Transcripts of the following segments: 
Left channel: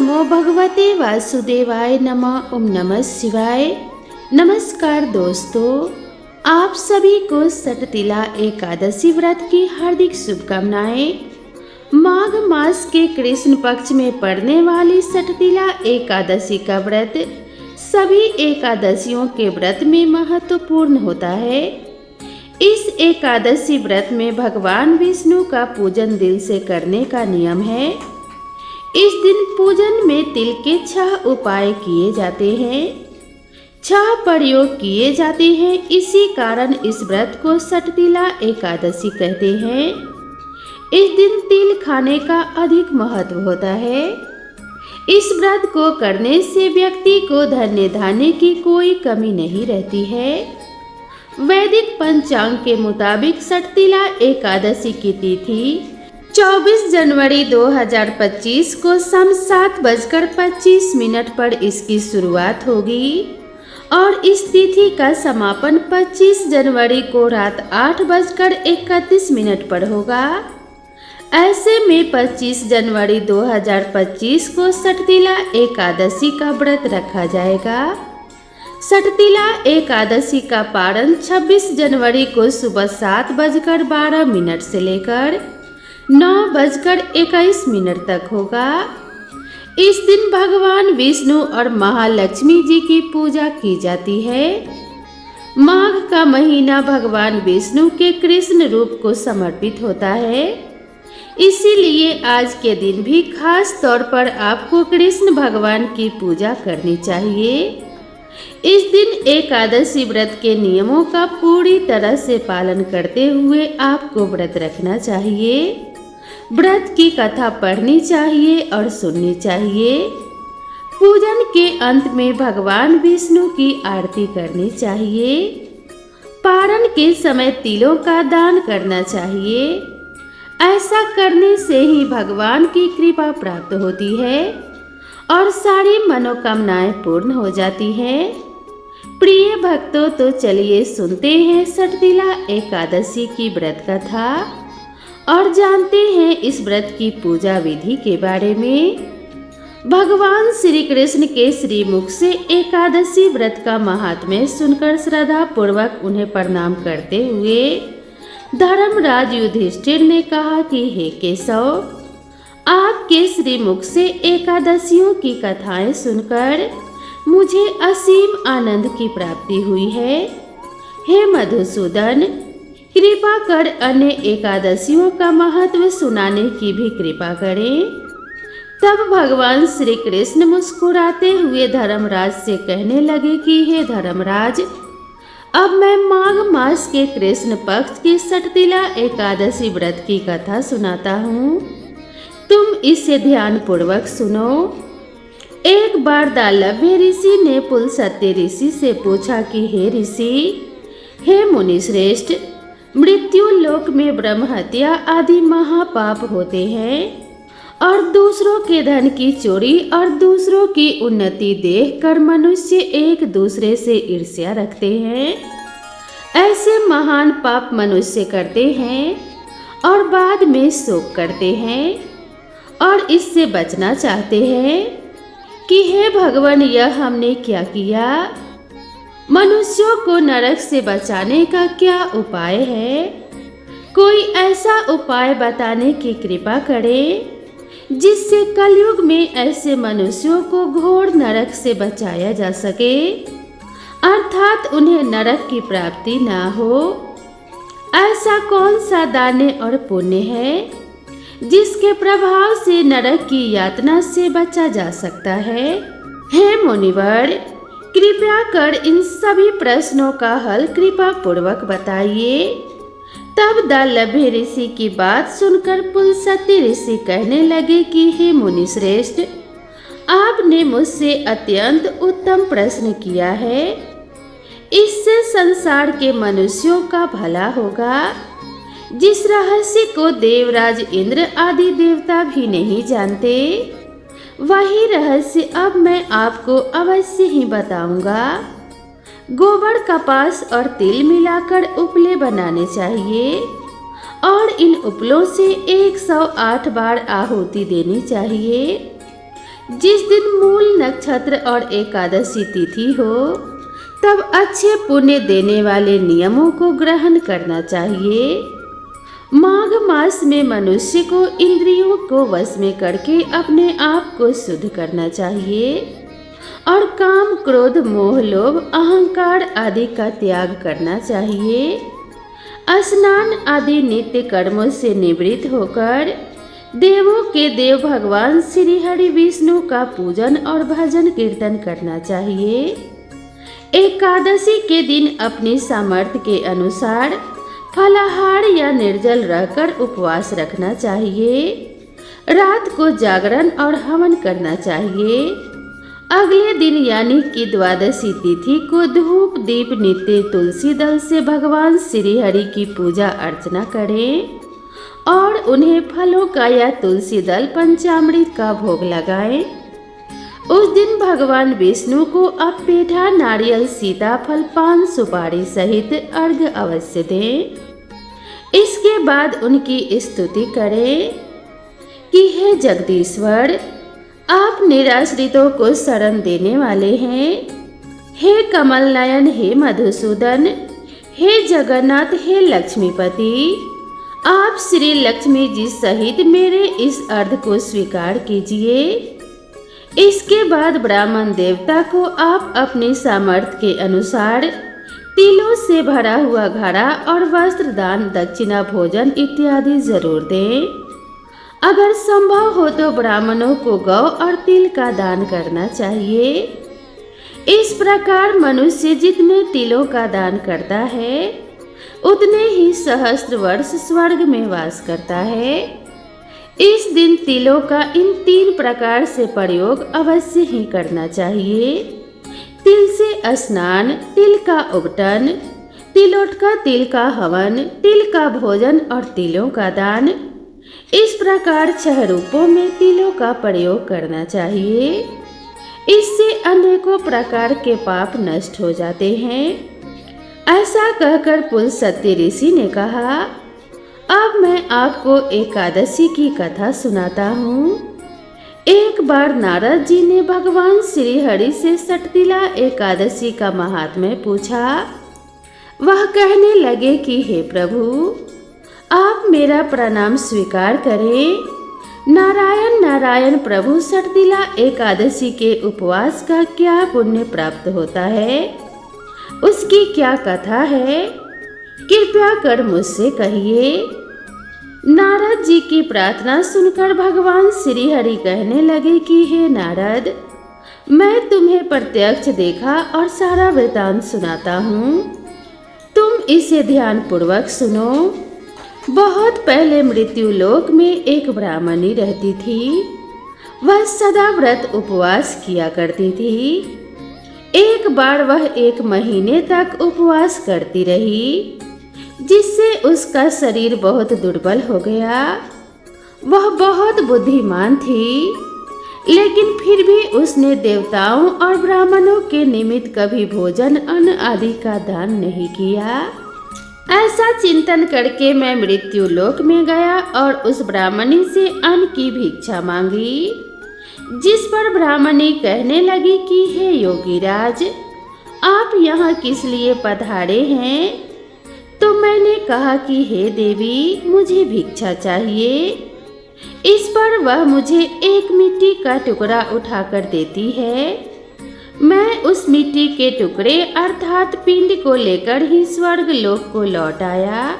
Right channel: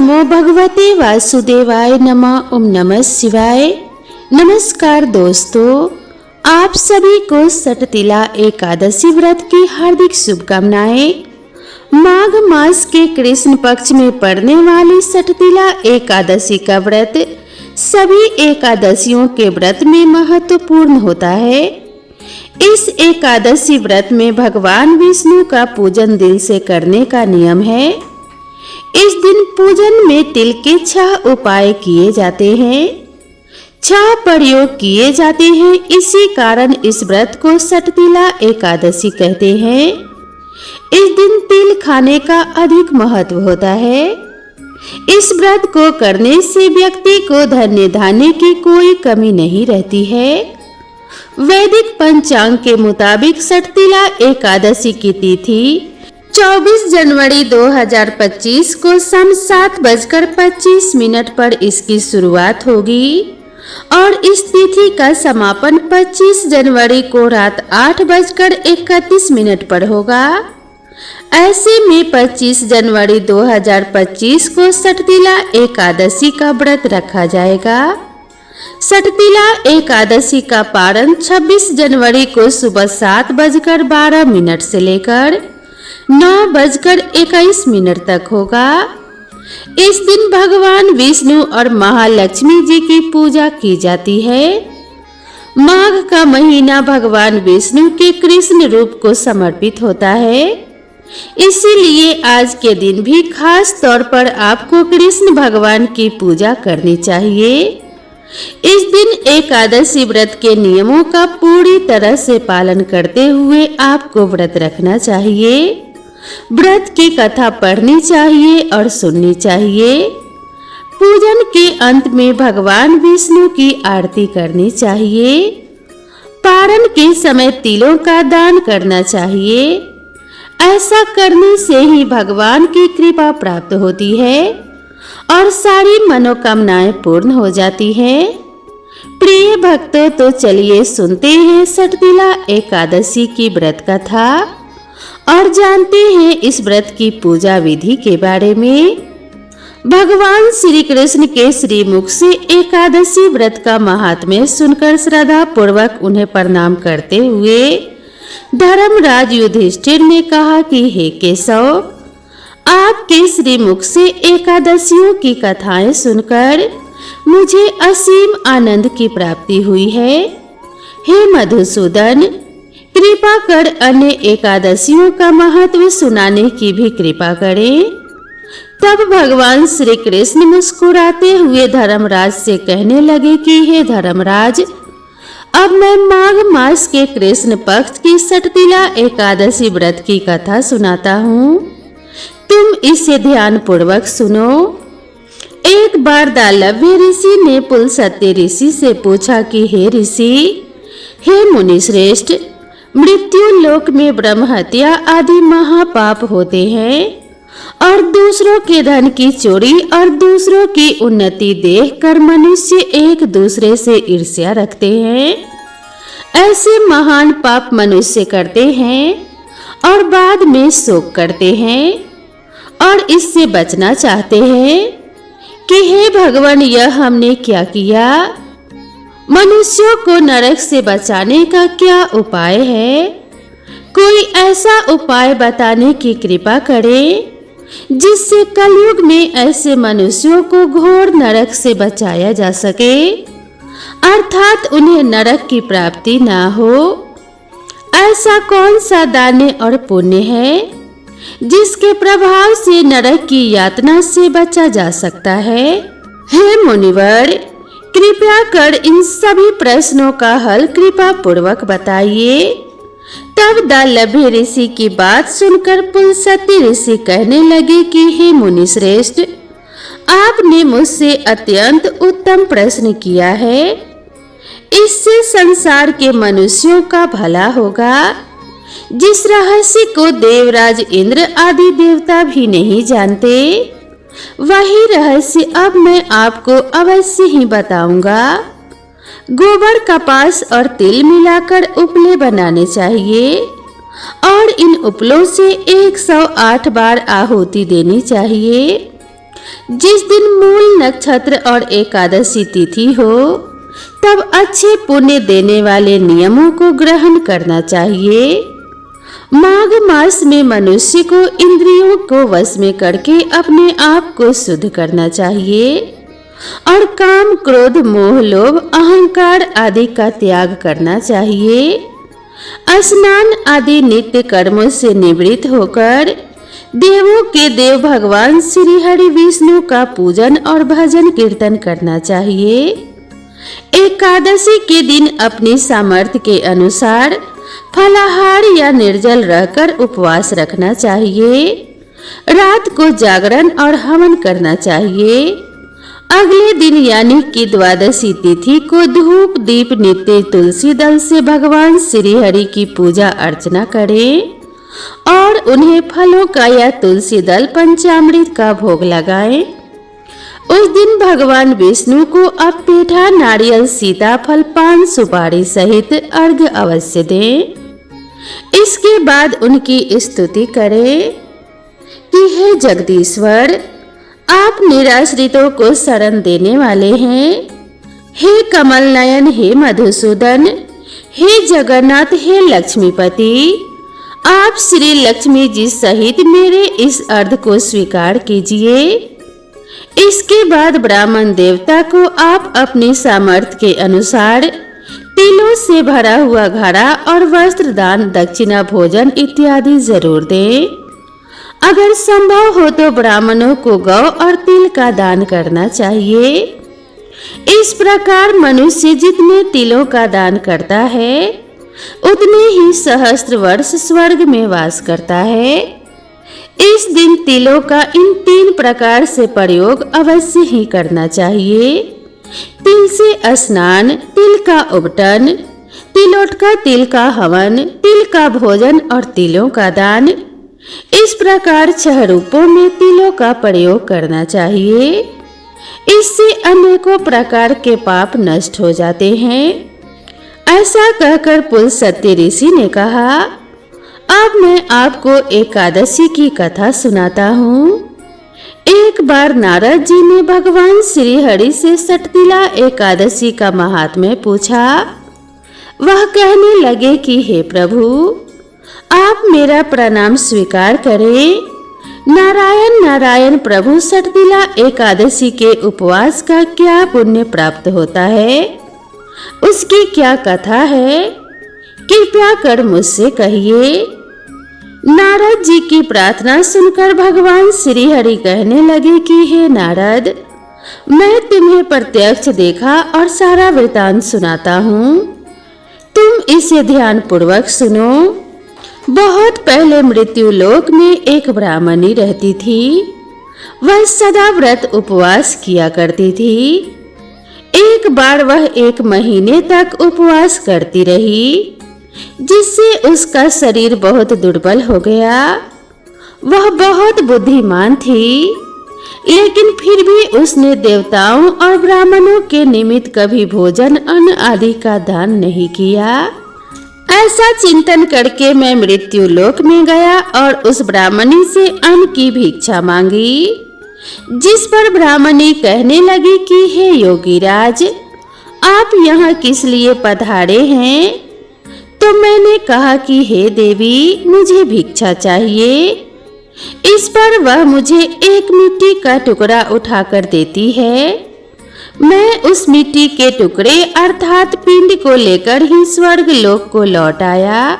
नमो भगवते वासुदेवाय नमः। ओम नमः शिवाय। नमस्कार दोस्तों, आप सभी को सटतिला एकादशी व्रत की हार्दिक शुभकामनाएं। माघ मास के कृष्ण पक्ष में पड़ने वाली सटतिला एकादशी का व्रत सभी एकादशियों के व्रत में महत्वपूर्ण होता है। इस एकादशी व्रत में भगवान विष्णु का पूजन दिल से करने का नियम है। इस दिन पूजन में तिल के 6 उपाय किए जाते हैं, 6 प्रयोग किए जाते हैं। इसी कारण इस व्रत को सटतिला एकादशी कहते हैं। इस दिन तिल खाने का अधिक महत्व होता है। इस व्रत को करने से व्यक्ति को धन्य धान्य की कोई कमी नहीं रहती है। वैदिक पंचांग के मुताबिक सटतिला एकादशी की तिथि 24 जनवरी 2025 को शाम 7:25 पर इसकी शुरुआत होगी और इस तिथि का समापन 25 जनवरी को रात 8:31 पर होगा। ऐसे में 25 जनवरी 2025 को सटतिला एकादशी का व्रत रखा जाएगा। सटतिला एकादशी का पारण 26 जनवरी को सुबह 7:12 से लेकर 9:21 तक होगा। इस दिन भगवान विष्णु और महालक्ष्मी जी की पूजा की जाती है। माघ का महीना भगवान विष्णु के कृष्ण रूप को समर्पित होता है, इसीलिए आज के दिन भी खास तौर पर आपको कृष्ण भगवान की पूजा करनी चाहिए। इस दिन एकादशी व्रत के नियमों का पूरी तरह से पालन करते हुए आपको व्रत रखना चाहिए। व्रत की कथा पढ़नी चाहिए और सुननी चाहिए। पूजन के अंत में भगवान विष्णु की आरती करनी चाहिए। पारण के समय तिलों का दान करना चाहिए। ऐसा करने से ही भगवान की कृपा प्राप्त होती है और सारी मनोकामनाएं पूर्ण हो जाती हैं। प्रिय भक्तों, तो चलिए सुनते हैं सटतिला एकादशी की व्रत कथा और जानते हैं इस व्रत की पूजा विधि के बारे में। भगवान श्री कृष्ण के श्रीमुख से एकादशी व्रत का महात्म्य सुनकर श्रद्धा पूर्वक उन्हें प्रणाम करते हुए धर्मराज युधिष्ठिर ने कहा कि हे केशव, आपके श्रीमुख से एकादशियों की कथाएं सुनकर मुझे असीम आनंद की प्राप्ति हुई है। हे मधुसूदन, कृपा कर अन्य एकादशियों का महत्व सुनाने की भी कृपा करें। तब भगवान श्री कृष्ण मुस्कुराते हुए धर्मराज से कहने लगे कि हे धर्मराज, अब मैं माघ मास के कृष्ण पक्ष की सटतिला एकादशी व्रत की कथा सुनाता हूँ। तुम इसे ध्यान पूर्वक सुनो। एक बार दालभ्य ऋषि ने पुलस्त्य ऋषि से पूछा कि हे ऋषि, हे मुनि श्रेष्ठ, मृत्यु लोक में ब्रह्म हत्या आदि महापाप होते हैं और दूसरों के धन की चोरी और दूसरों की उन्नति देखकर मनुष्य एक दूसरे से ईर्ष्या रखते हैं। ऐसे महान पाप मनुष्य करते हैं और बाद में शोक करते हैं और इससे बचना चाहते हैं कि हे भगवान, यह हमने क्या किया? मनुष्यों को नरक से बचाने का क्या उपाय है? कोई ऐसा उपाय बताने की कृपा करें जिससे कलयुग में ऐसे मनुष्यों को घोर नरक से बचाया जा सके, अर्थात उन्हें नरक की प्राप्ति ना हो। ऐसा कौन सा दान और पुण्य है जिसके प्रभाव से नरक की यातना से बचा जा सकता है? हे मुनिवर, कृपया कर इन सभी प्रश्नों का हल कृपा पूर्वक बताइए। तब दालभ्य ऋषि की बात सुनकर पुलस्त्य ऋषि कहने लगे कि हे मुनि श्रेष्ठ, आपने मुझसे अत्यंत उत्तम प्रश्न किया है। इससे संसार के मनुष्यों का भला होगा। जिस रहस्य को देवराज इंद्र आदि देवता भी नहीं जानते, वही रहस्य अब मैं आपको अवश्य ही बताऊंगा। गोबर, कपास और तिल मिलाकर उपले बनाने चाहिए और इन उपलों से 108 बार आहुति देनी चाहिए। जिस दिन मूल नक्षत्र और एकादशी तिथि हो तब अच्छे पुण्य देने वाले नियमों को ग्रहण करना चाहिए। माघ मास में मनुष्य को इंद्रियों को वश में करके अपने आप को शुद्ध करना चाहिए और काम, क्रोध, मोह, लोभ, अहंकार आदि का त्याग करना चाहिए। स्नान आदि नित्य कर्मों से निवृत्त होकर देवों के देव भगवान श्री हरि विष्णु का पूजन और भजन कीर्तन करना चाहिए। एकादशी के दिन अपनी सामर्थ्य के अनुसार फलाहार या निर्जल रहकर उपवास रखना चाहिए। रात को जागरण और हवन करना चाहिए। अगले दिन यानी कि द्वादशी तिथि को धूप दीप नित्य तुलसी दल से भगवान श्री हरि की पूजा अर्चना करें और उन्हें फलों का या तुलसी दल पंचामृत का भोग लगाएं। उस दिन भगवान विष्णु को अब पेठा, नारियल, सीताफल, पान, सुपारी सहित अर्घ्य अवश्य दें। इसके बाद उनकी स्तुति करें कि हे जगदीश्वर, आप निराश्रितों को शरण देने वाले हैं। हे कमल नयन, हे मधुसूदन, हे जगन्नाथ, हे लक्ष्मीपति, आप श्री लक्ष्मी जी सहित मेरे इस अर्घ को स्वीकार कीजिए। इसके बाद ब्राह्मण देवता को आप अपनी सामर्थ्य के अनुसार तिलों से भरा हुआ घड़ा और वस्त्र दान, दक्षिणा, भोजन इत्यादि जरूर दें। अगर संभव हो तो ब्राह्मणों को गौ और तिल का दान करना चाहिए। इस प्रकार मनुष्य जितने तिलों का दान करता है उतने ही सहस्त्र वर्ष स्वर्ग में वास करता है। इस दिन तिलों का इन 3 प्रकार से प्रयोग अवश्य ही करना चाहिए। तिल से स्नान, तिल का उबटन, तिलोटका, तिल का हवन, तिल का भोजन और तिलों का दान। इस प्रकार 6 रूपों में तिलों का प्रयोग करना चाहिए। इससे अनेकों प्रकार के पाप नष्ट हो जाते हैं। ऐसा कहकर पुल सत्य ऋषि ने कहा, अब मैं आपको एकादशी की कथा सुनाता हूँ। एक बार नारद जी ने भगवान श्री हरि से सटतिला एकादशी का महात्म्य पूछा। वह कहने लगे कि हे प्रभु, आप मेरा प्रणाम स्वीकार करें। नारायण नारायण प्रभु, सटतिला एकादशी के उपवास का क्या पुण्य प्राप्त होता है, उसकी क्या कथा है, कृपया कर मुझसे कहिए। नारद जी की प्रार्थना सुनकर भगवान श्री हरि कहने लगे कि हे नारद, मैं तुम्हें प्रत्यक्ष देखा और सारा वृतांत सुनाता हूँ। तुम इसे ध्यान पूर्वक सुनो। बहुत पहले मृत्यु लोक में एक ब्राह्मणी रहती थी। वह सदा व्रत उपवास किया करती थी। एक बार वह 1 महीने तक उपवास करती रही, जिससे उसका शरीर बहुत दुर्बल हो गया। वह बहुत बुद्धिमान थी, लेकिन फिर भी उसने देवताओं और ब्राह्मणों के निमित्त कभी भोजन, अन्न आदि का दान नहीं किया। ऐसा चिंतन करके मैं मृत्यु लोक में गया और उस ब्राह्मणी से अन्न की भिक्षा मांगी। जिस पर ब्राह्मणी कहने लगी कि हे योगीराज, आप यहाँ किस लिए पधारे हैं? तो मैंने कहा कि हे देवी, मुझे भिक्षा चाहिए। इस पर वह मुझे एक मिट्टी का टुकड़ा उठाकर देती है। मैं उस मिट्टी के टुकड़े अर्थात पिंड को लेकर ही स्वर्ग लोक को लौट आया।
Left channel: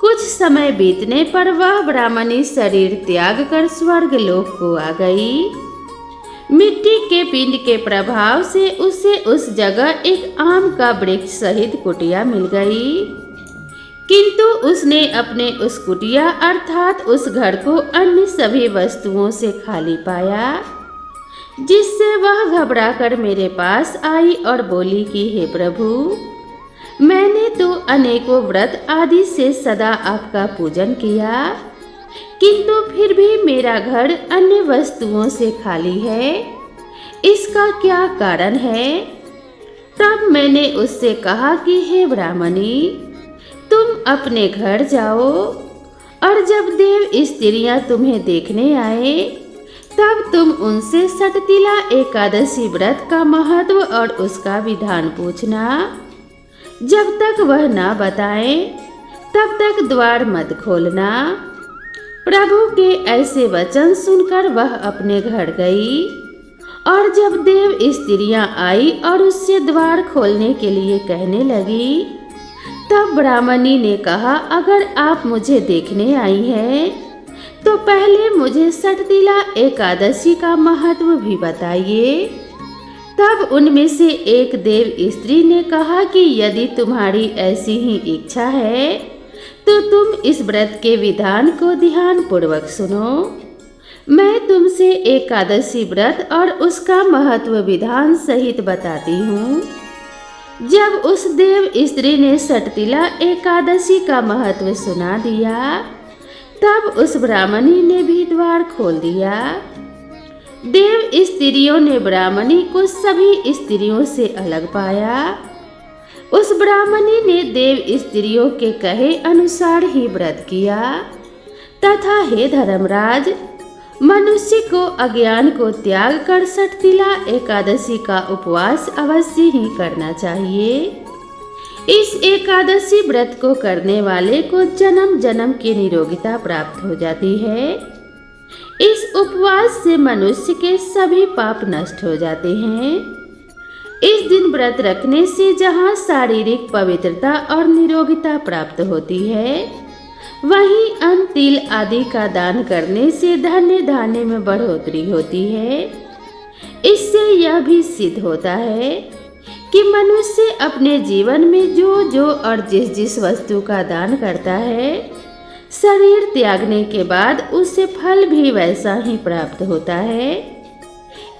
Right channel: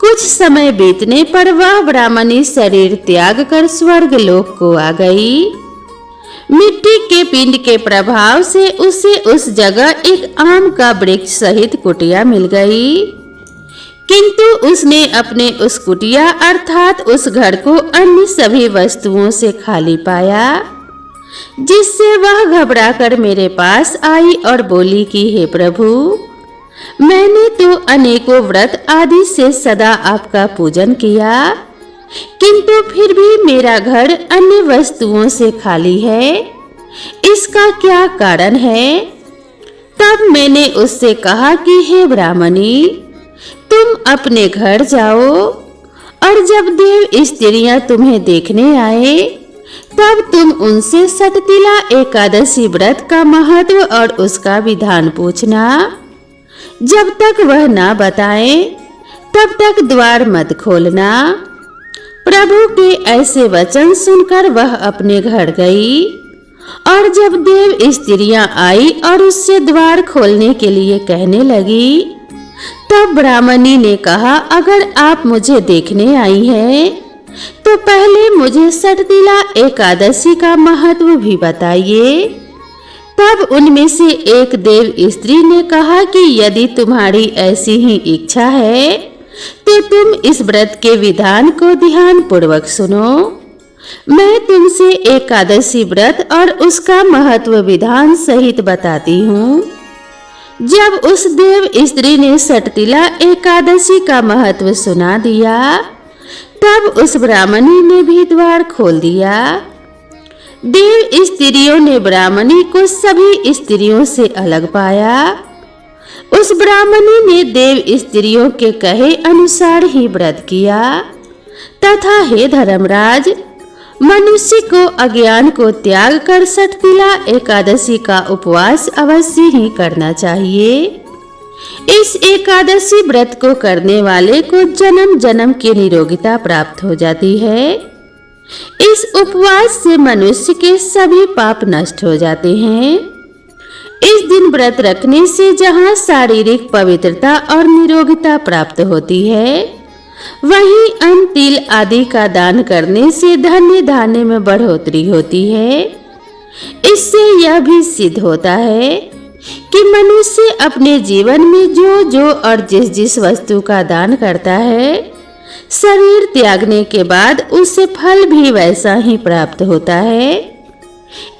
कुछ समय बीतने पर वह ब्राह्मणी शरीर त्याग कर स्वर्ग लोक को आ गई। मिट्टी के पिंड के प्रभाव से उसे उस जगह एक आम का वृक्ष सहित कुटिया मिल गई, किंतु उसने अपने उस कुटिया अर्थात उस घर को अन्य सभी वस्तुओं से खाली पाया, जिससे वह घबराकर मेरे पास आई और बोली कि हे प्रभु, मैंने तो अनेकों व्रत आदि से सदा आपका पूजन किया, किंतु फिर भी मेरा घर अन्य वस्तुओं से खाली है। इसका क्या कारण है? तब मैंने उससे कहा कि हे ब्राह्मणी, तुम अपने घर जाओ और जब देव स्त्रियां तुम्हें देखने आए तब तुम उनसे सटतिला एकादशी व्रत का महत्व और उसका विधान पूछना। जब तक वह ना बताए तब तक द्वार मत खोलना। प्रभु के ऐसे वचन सुनकर वह अपने घर गई, और जब देव स्त्रियां आई और उससे द्वार खोलने के लिए कहने लगी, तब ब्राह्मणी ने कहा, अगर आप मुझे देखने आई हैं तो पहले मुझे सटतिला एकादशी का महत्व भी बताइए। तब उनमें से एक देव स्त्री ने कहा कि यदि तुम्हारी ऐसी ही इच्छा है तो तुम इस व्रत के विधान को ध्यान पूर्वक सुनो। मैं तुमसे एकादशी व्रत और उसका महत्व विधान सहित बताती हूँ। जब उस देव स्त्री ने सटतिला एकादशी का महत्व सुना दिया, तब उस ब्राह्मणी ने भी द्वार खोल दिया। देव स्त्रियों ने ब्राह्मणी को सभी स्त्रियों से अलग पाया। उस ब्राह्मणी ने देव स्त्रियों के कहे अनुसार ही व्रत किया, तथा हे धर्मराज, मनुष्य को अज्ञान को त्याग कर सटतिला एकादशी का उपवास अवश्य ही करना चाहिए। इस एकादशी व्रत को करने वाले को जन्म जन्म की निरोगिता प्राप्त हो जाती है। इस उपवास से मनुष्य के सभी पाप नष्ट हो जाते हैं। इस दिन व्रत रखने से जहाँ शारीरिक पवित्रता और निरोगिता प्राप्त होती है, वहीं अन्न तिल आदि का दान करने से धन्य धान्य में बढ़ोतरी होती है। इससे यह भी सिद्ध होता है कि मनुष्य अपने जीवन में जो और जिस वस्तु का दान करता है, शरीर त्यागने के बाद उसे फल भी वैसा ही प्राप्त होता है।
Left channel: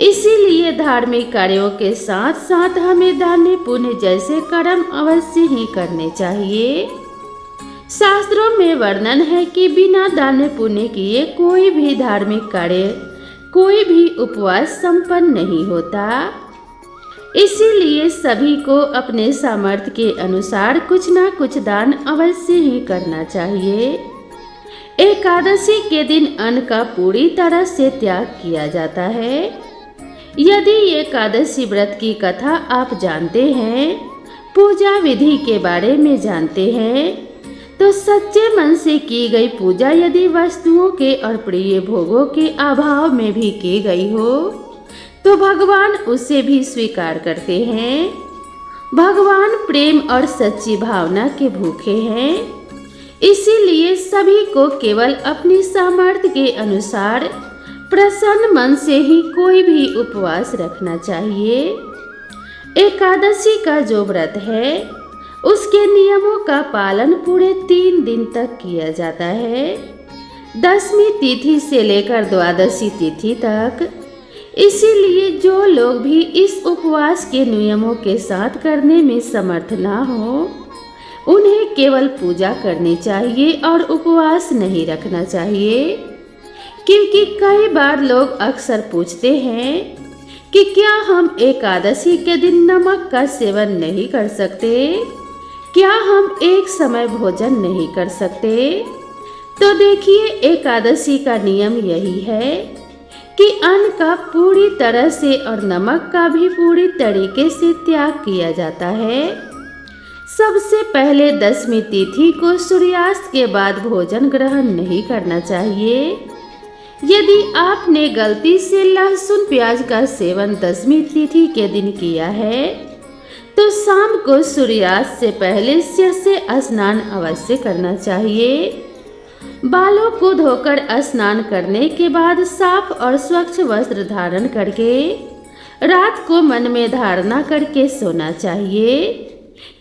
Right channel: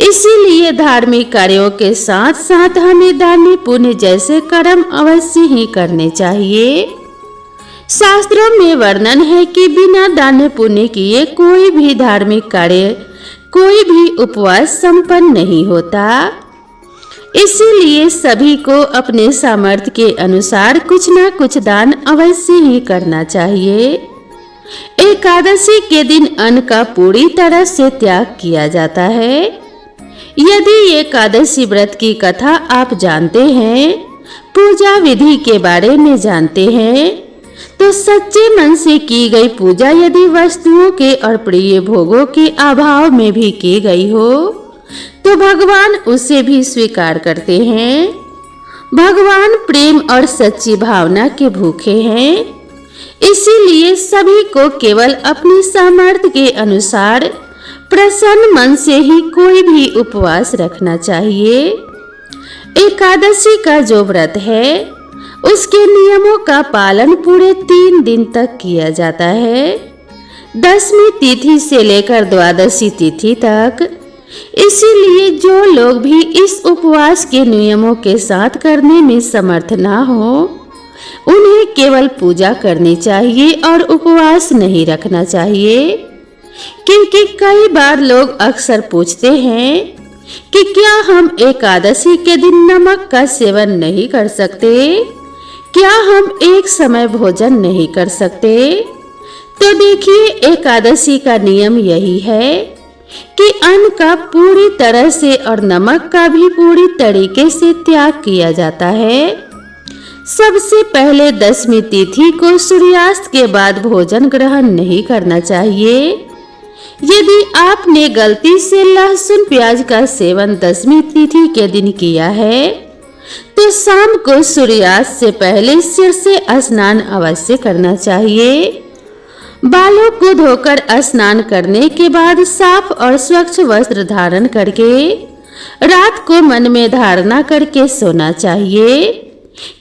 इसीलिए धार्मिक कार्यों के साथ साथ हमें दान पुण्य जैसे कर्म अवश्य ही करने चाहिए। शास्त्रों में वर्णन है कि बिना दान पुण्य किए कोई भी धार्मिक कार्य, कोई भी उपवास संपन्न नहीं होता। इसीलिए सभी को अपने सामर्थ्य के अनुसार कुछ न कुछ दान अवश्य ही करना चाहिए। एकादशी के दिन अन्न का पूरी तरह से त्याग किया जाता है। यदि एकादशी व्रत की कथा आप जानते हैं, पूजा विधि के बारे में जानते हैं, तो सच्चे मन से की गई पूजा यदि वस्तुओं के और प्रिय भोगों के अभाव में भी की गई हो, तो भगवान उसे भी स्वीकार करते हैं। भगवान प्रेम और सच्ची भावना के भूखे हैं। इसीलिए सभी को केवल अपनी सामर्थ्य के अनुसार प्रसन्न मन से ही कोई भी उपवास रखना चाहिए। एकादशी का जो व्रत है, उसके नियमों का पालन पूरे 3 दिन तक किया जाता है, 10वीं तिथि से लेकर द्वादशी तिथि तक। इसीलिए जो लोग भी इस उपवास के नियमों के साथ करने में समर्थ ना हो, उन्हें केवल पूजा करनी चाहिए और उपवास नहीं रखना चाहिए। क्योंकि कई बार लोग अक्सर पूछते हैं कि क्या हम एकादशी के दिन नमक का सेवन नहीं कर सकते, क्या हम एक समय भोजन नहीं कर सकते। तो देखिए, एकादशी का नियम यही है कि अन्न का पूरी तरह से और नमक का भी पूरी तरीके से त्याग किया जाता है। सबसे पहले 10वीं तिथि को सूर्यास्त के बाद भोजन ग्रहण नहीं करना चाहिए। यदि आपने गलती से लहसुन प्याज का सेवन 10वीं तिथि के दिन किया है, तो शाम को सूर्यास्त से पहले सिर से स्नान अवश्य करना चाहिए। बालों को धोकर स्नान करने के बाद साफ और स्वच्छ वस्त्र धारण करके रात को मन में धारणा करके सोना चाहिए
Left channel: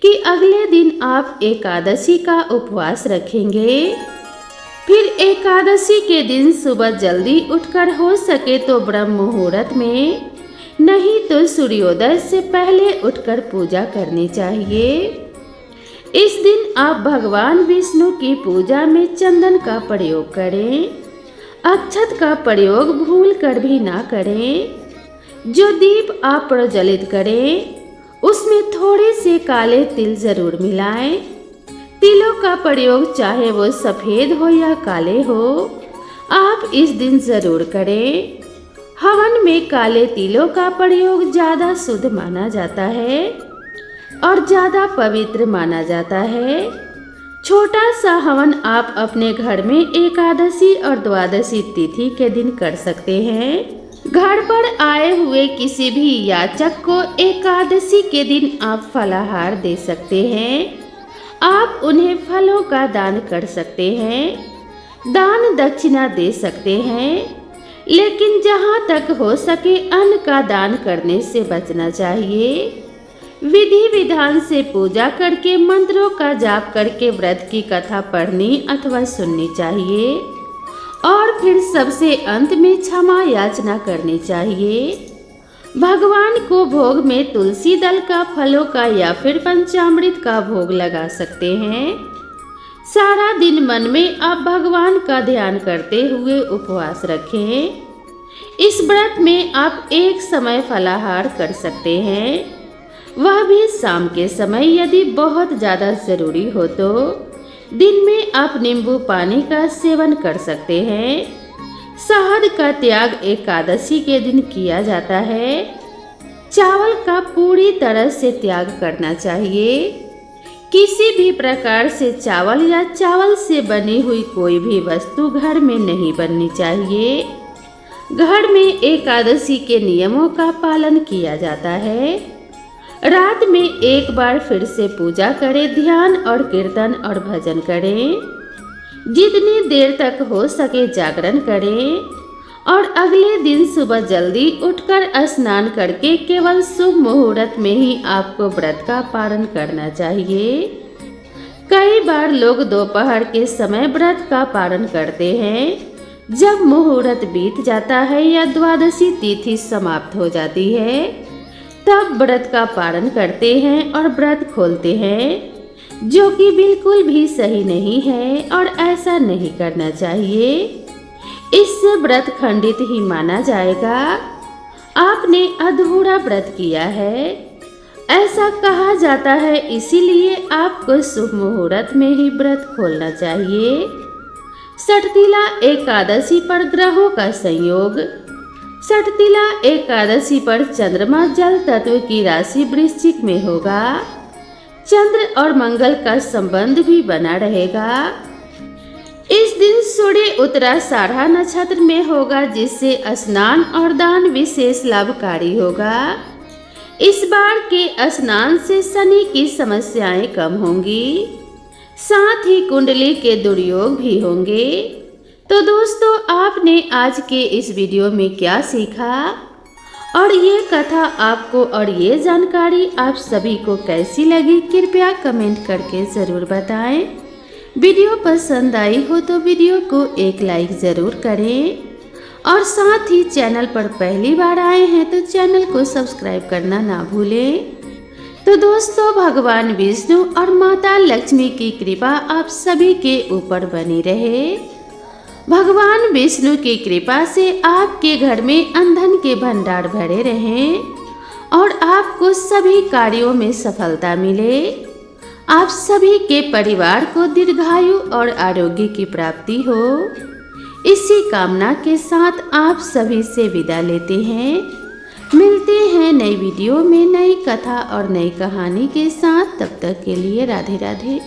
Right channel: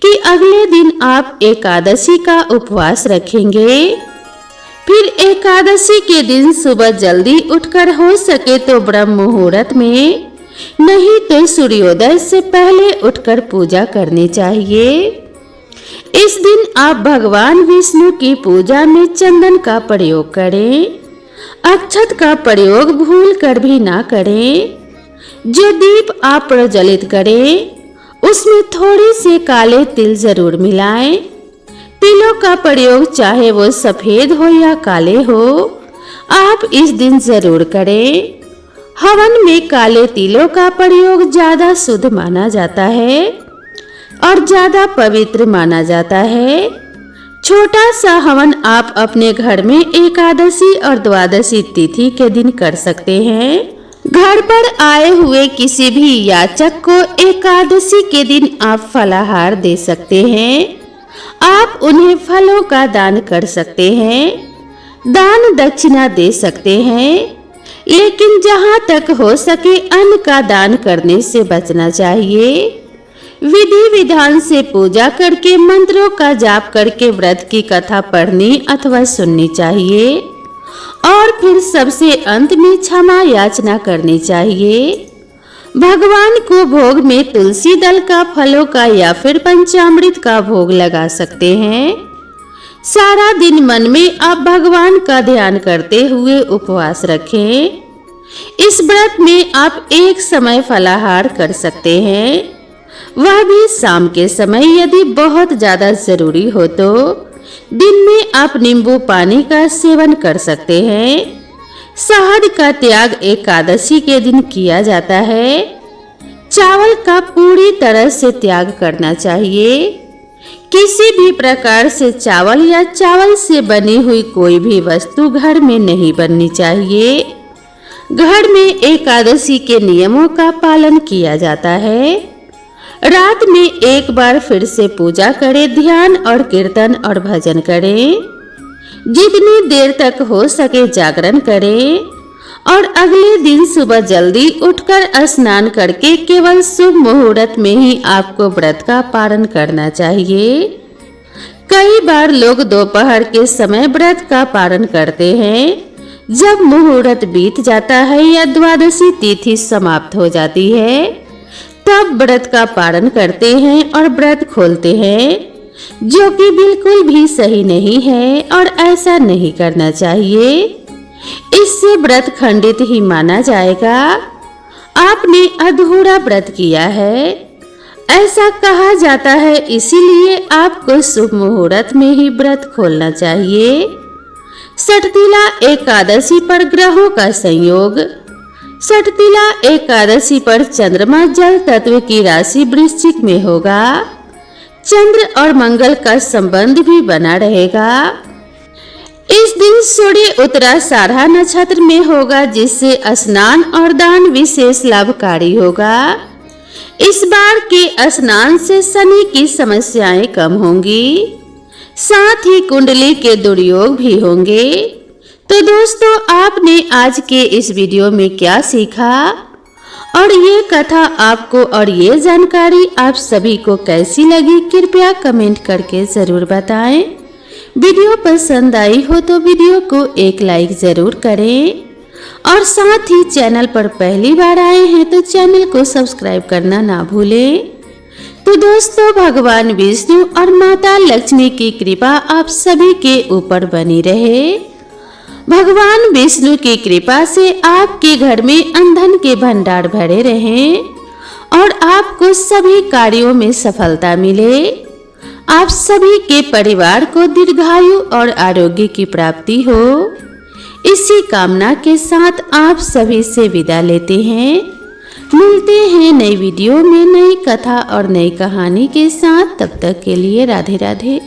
कि अगले दिन आप एकादशी का उपवास रखेंगे। फिर एकादशी के दिन सुबह जल्दी उठकर हो सके तो ब्रह्म मुहूर्त में, नहीं तो सूर्योदय से पहले उठकर पूजा करनी चाहिए। इस दिन आप भगवान विष्णु की पूजा में चंदन का प्रयोग करें। अक्षत का प्रयोग भूल कर भी ना करें। जो दीप आप प्रज्वलित करें, उसमें थोड़े से काले तिल जरूर मिलाएं। तिलों का प्रयोग चाहे वो सफेद हो या काले हो, आप इस दिन जरूर करें। हवन में काले तिलों का प्रयोग ज्यादा शुद्ध माना जाता है और ज्यादा पवित्र माना जाता है। छोटा सा हवन आप अपने घर में एकादशी और द्वादशी तिथि के दिन कर सकते हैं। घर पर आए हुए किसी भी याचक को एकादशी के दिन आप फलाहार दे सकते हैं। आप उन्हें फलों का दान कर सकते हैं, दान दक्षिणा दे सकते हैं, लेकिन जहाँ तक हो सके अन्न का दान करने से बचना चाहिए। विधि विधान से पूजा करके मंत्रों का जाप करके व्रत की कथा पढ़नी अथवा सुननी चाहिए और फिर सबसे अंत में क्षमा याचना करनी चाहिए। भगवान को भोग में तुलसी दल का, फलों का या फिर पंचामृत का भोग लगा सकते हैं। सारा दिन मन में आप भगवान का ध्यान करते हुए उपवास रखें। इस व्रत में आप एक समय फलाहार कर सकते हैं, वह भी शाम के समय यदि बहुत ज्यादा जरूरी हो तो। दिन में आप नींबू पानी का सेवन कर सकते हैं। शहद का त्याग एकादशी के दिन किया जाता है। चावल का पूरी तरह से त्याग करना चाहिए। किसी भी प्रकार से चावल या चावल से बनी हुई कोई भी वस्तु घर में नहीं बननी चाहिए। घर में एकादशी के नियमों का पालन किया जाता है। रात में एक बार फिर से पूजा करें, ध्यान और कीर्तन और भजन करें। जितनी देर तक हो सके जागरण करें और अगले दिन सुबह जल्दी उठकर स्नान करके केवल शुभ मुहूर्त में ही आपको व्रत का पालन करना चाहिए। कई बार लोग दोपहर के समय व्रत का पालन करते हैं। जब मुहूर्त बीत जाता है या द्वादशी तिथि समाप्त हो जाती है तब व्रत का पालन करते हैं और व्रत खोलते हैं, जो कि बिल्कुल भी सही नहीं है और ऐसा नहीं करना चाहिए। इससे व्रत खंडित ही माना जाएगा। आपने अधूरा व्रत किया है, ऐसा कहा जाता है, इसीलिए आपको शुभ मुहूर्त में ही व्रत खोलना चाहिए। षटतिला एकादशी पर ग्रहों का संयोग। षटतिला एकादशी पर चंद्रमा जल तत्व की राशि वृश्चिक में होगा। चंद्र और मंगल का संबंध भी बना रहेगा। इस दिन सूर्य उत्तराषाढ़ा नक्षत्र में होगा, जिससे स्नान और दान विशेष लाभकारी होगा। इस बार के स्नान से शनि की समस्याएं कम होंगी, साथ ही कुंडली के दुर्योग भी होंगे। तो दोस्तों, आपने आज के इस वीडियो में क्या सीखा और ये कथा आपको और ये जानकारी आप सभी को कैसी लगी, कृपया कमेंट करके जरूर बताएं। वीडियो पसंद आई हो तो वीडियो को एक लाइक जरूर करें और साथ ही चैनल पर पहली बार आए हैं तो चैनल को सब्सक्राइब करना ना भूलें। तो दोस्तों, भगवान विष्णु और माता लक्ष्मी की कृपा आप सभी के ऊपर बनी रहे। भगवान विष्णु की कृपा से आपके घर में अन्न के भंडार भरे रहें और आपको सभी कार्यों में सफलता मिले। आप सभी के परिवार को दीर्घायु और आरोग्य की प्राप्ति हो। इसी कामना के साथ आप सभी से विदा लेते हैं। मिलते हैं नई वीडियो में नई कथा और नई कहानी के साथ। तब तक के लिए राधे राधे।